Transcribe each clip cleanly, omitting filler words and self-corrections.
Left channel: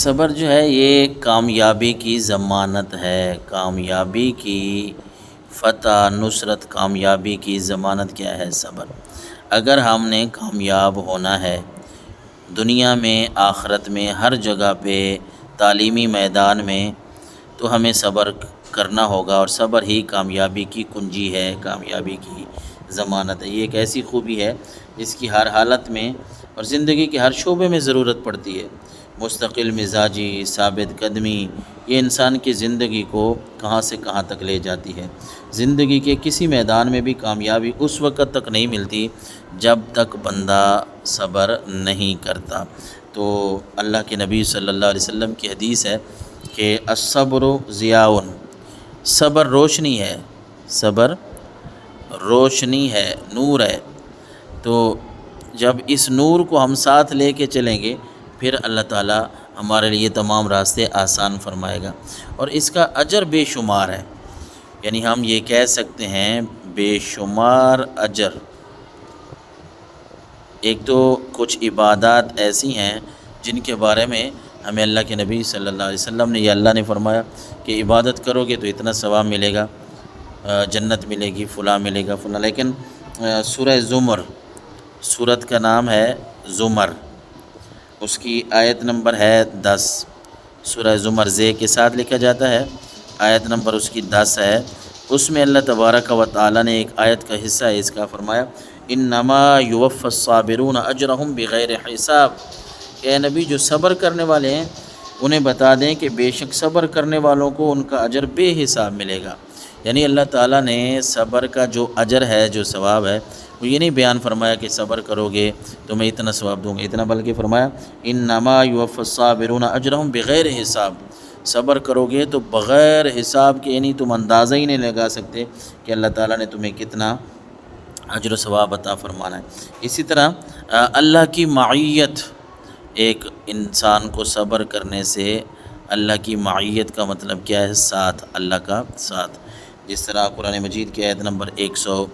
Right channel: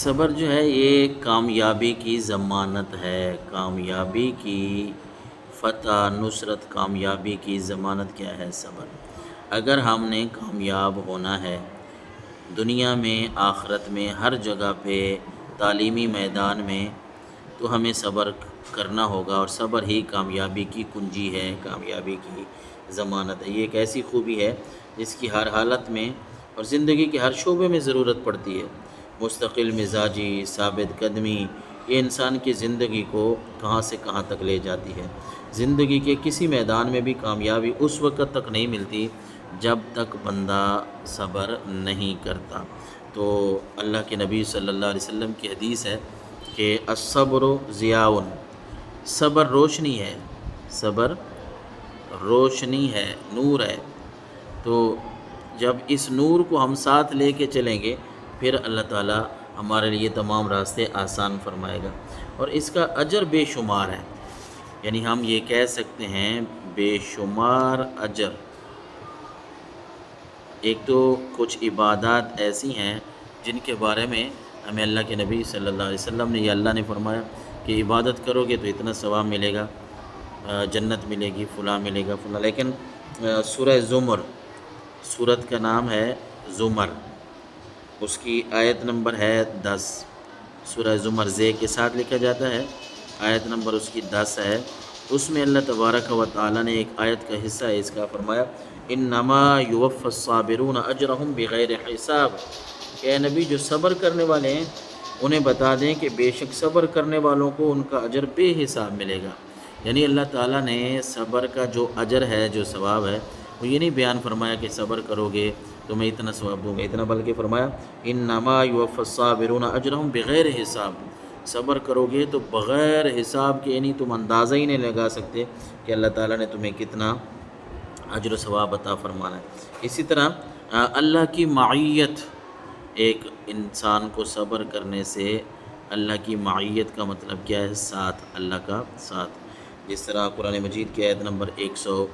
صبر جو ہے یہ کامیابی کی ضمانت ہے۔ کامیابی کی فتح، نصرت، کامیابی کی ضمانت کیا ہے؟ صبر۔ اگر ہم نے کامیاب ہونا ہے دنیا میں، آخرت میں، ہر جگہ پہ، تعلیمی میدان میں، تو ہمیں صبر کرنا ہوگا، اور صبر ہی کامیابی کی کنجی ہے، کامیابی کی ضمانت ہے۔ یہ ایک ایسی خوبی ہے جس کی ہر حالت میں اور زندگی کے ہر شعبے میں ضرورت پڑتی ہے۔ مستقل مزاجی، ثابت قدمی، یہ انسان کی زندگی کو کہاں سے کہاں تک لے جاتی ہے۔ زندگی کے کسی میدان میں بھی کامیابی اس وقت تک نہیں ملتی جب تک بندہ صبر نہیں کرتا۔ تو اللہ کے نبی صلی اللہ علیہ وسلم کی حدیث ہے کہ الصبر ضیاء، صبر روشنی ہے، صبر روشنی ہے، نور ہے۔ تو جب اس نور کو ہم ساتھ لے کے چلیں گے پھر اللہ تعالیٰ ہمارے لیے تمام راستے آسان فرمائے گا، اور اس کا اجر بے شمار ہے۔ یعنی ہم یہ کہہ سکتے ہیں بے شمار اجر۔ ایک تو کچھ عبادات ایسی ہیں جن کے بارے میں ہمیں اللہ کے نبی صلی اللہ علیہ وسلم نے، یا اللہ نے فرمایا کہ عبادت کرو گے تو اتنا ثواب ملے گا، جنت ملے گی، فلاں ملے گا، فلاں۔ لیکن سورہ زمر، سورت کا نام ہے زمر، اس کی آیت نمبر ہے 10۔ سورہ زمر زے کے ساتھ لکھا جاتا ہے، آیت نمبر اس کی 10 ہے۔ اس میں اللہ تبارک و تعالیٰ نے ایک آیت کا حصہ ہے اس کا فرمایا انما یوفی الصابرون اجرہم بغیر حساب، کہ اے نبی جو صبر کرنے والے ہیں انہیں بتا دیں کہ بے شک صبر کرنے والوں کو ان کا اجر بے حساب ملے گا۔ یعنی اللہ تعالیٰ نے صبر کا جو اجر ہے، جو ثواب ہے، وہ یہ نہیں بیان فرمایا کہ صبر کرو گے تو میں اتنا ثواب دوں گا اتنا، بلکہ فرمایا انما یوفی الصابرون اجرہم بغیر حساب، صبر کرو گے تو بغیر حساب کے، یعنی تم اندازہ ہی نہیں لگا سکتے کہ اللہ تعالیٰ نے تمہیں کتنا اجر و ثواب عطا فرمانا ہے۔ اسی طرح اللہ کی معیت، ایک انسان کو صبر کرنے سے اللہ کی معیت کا مطلب کیا ہے؟ ساتھ، اللہ کا ساتھ۔ جس طرح قرآن مجید کی آیت نمبر 100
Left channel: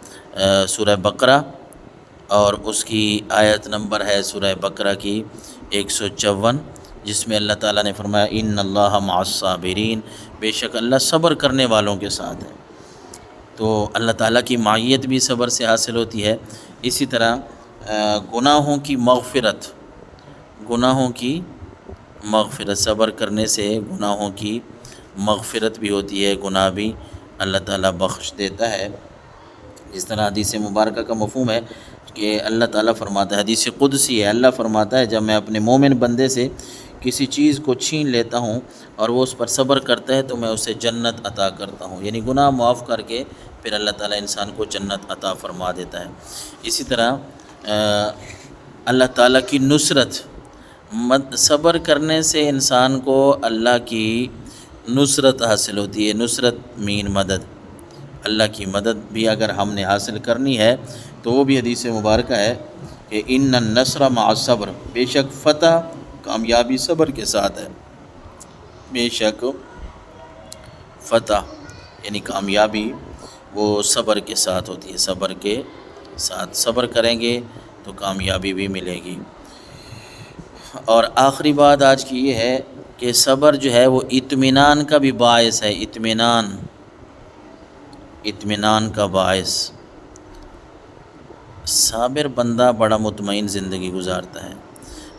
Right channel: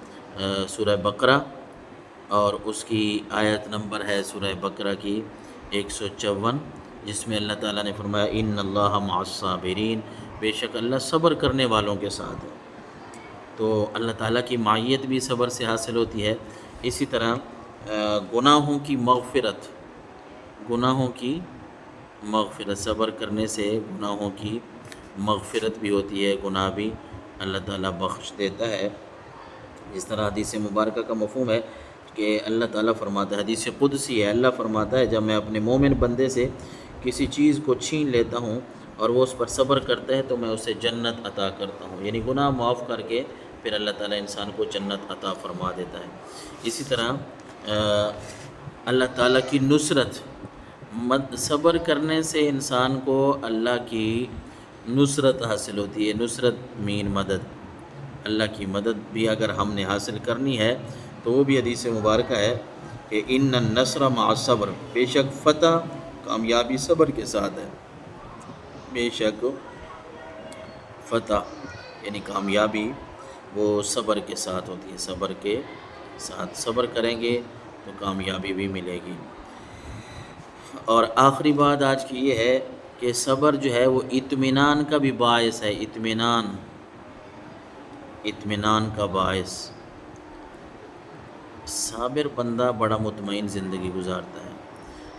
سورہ بقرہ، اور اس کی آیت نمبر ہے سورہ بقرہ کی 154، جس میں اللہ تعالیٰ نے فرمایا ان اللہ مع الصابرین، بے شک اللہ صبر کرنے والوں کے ساتھ ہے۔ تو اللہ تعالیٰ کی معیت بھی صبر سے حاصل ہوتی ہے۔ اسی طرح گناہوں کی مغفرت، گناہوں کی مغفرت، صبر کرنے سے گناہوں کی مغفرت بھی ہوتی ہے، گناہ بھی اللہ تعالیٰ بخش دیتا ہے۔ جس طرح حدیث مبارکہ کا مفہوم ہے کہ اللہ تعالیٰ فرماتا ہے، حدیث قدسی ہے، اللہ فرماتا ہے جب میں اپنے مومن بندے سے کسی چیز کو چھین لیتا ہوں اور وہ اس پر صبر کرتا ہے تو میں اسے جنت عطا کرتا ہوں، یعنی گناہ معاف کر کے پھر اللہ تعالیٰ انسان کو جنت عطا فرما دیتا ہے۔ اسی طرح اللہ تعالیٰ کی نصرت، صبر کرنے سے انسان کو اللہ کی نصرت حاصل ہوتی ہے۔ نصرت مین مدد، اللہ کی مدد بھی اگر ہم نے حاصل کرنی ہے تو وہ بھی حدیث مبارکہ ہے کہ ان النصر مع الصبر، بے شک فتح، کامیابی صبر کے ساتھ ہے۔ بے شک فتح یعنی کامیابی وہ صبر کے ساتھ ہوتی ہے، صبر کے ساتھ صبر کریں گے تو کامیابی بھی ملے گی۔ اور آخری بات آج کی یہ ہے کہ صبر جو ہے وہ اطمینان کا بھی باعث ہے، اطمینان کا باعث۔ صابر بندہ بڑا مطمئن زندگی گزارتا ہے۔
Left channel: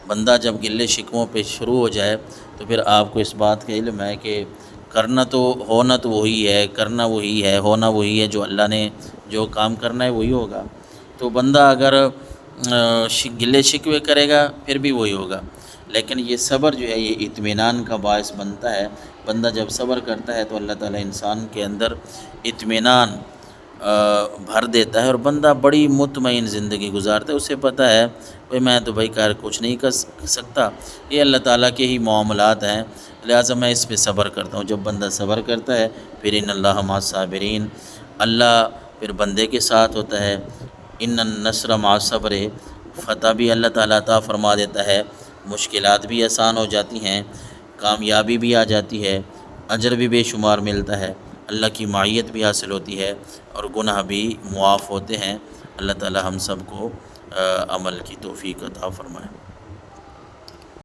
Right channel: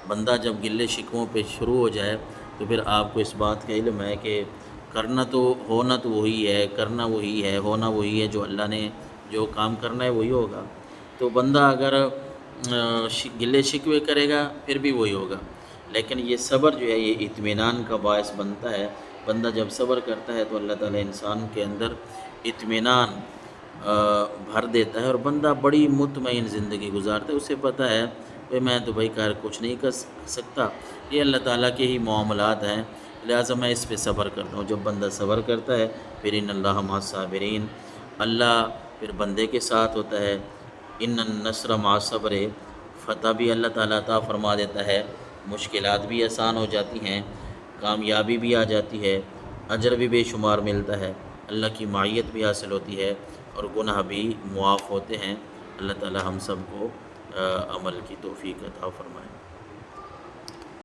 بندہ جب گلے شکووں پہ شروع ہو جائے تو پھر آپ کو اس بات کا علم ہے کہ ہونا تو وہی ہے، کرنا وہی ہے، ہونا وہی ہے، جو اللہ نے جو کام کرنا ہے وہی ہوگا۔ تو بندہ اگر گلے شکوے کرے گا پھر بھی وہی ہوگا، لیکن یہ صبر جو ہے یہ اطمینان کا باعث بنتا ہے۔ بندہ جب صبر کرتا ہے تو اللہ تعالیٰ انسان کے اندر اطمینان بھر دیتا ہے، اور بندہ بڑی مطمئن زندگی گزارتا ہے۔ اسے پتہ ہے کہ میں تو بھائی کچھ نہیں کر سکتا، یہ اللہ تعالیٰ کے ہی معاملات ہیں، لہٰذا میں اس پہ صبر کرتا ہوں۔ جب بندہ صبر کرتا ہے پھر ان اللہ مع الصابرین، اللہ پھر بندے کے ساتھ ہوتا ہے۔ ان النصر مع الصبر، فتح بھی اللہ تعالیٰ عطا فرما دیتا ہے، مشکلات بھی آسان ہو جاتی ہیں، کامیابی بھی آ جاتی ہے، اجر بھی بے شمار ملتا ہے، اللہ کی معیت بھی حاصل ہوتی ہے، اور گناہ بھی معاف ہوتے ہیں۔ اللہ تعالیٰ ہم سب کو عمل کی توفیق عطا فرمائے۔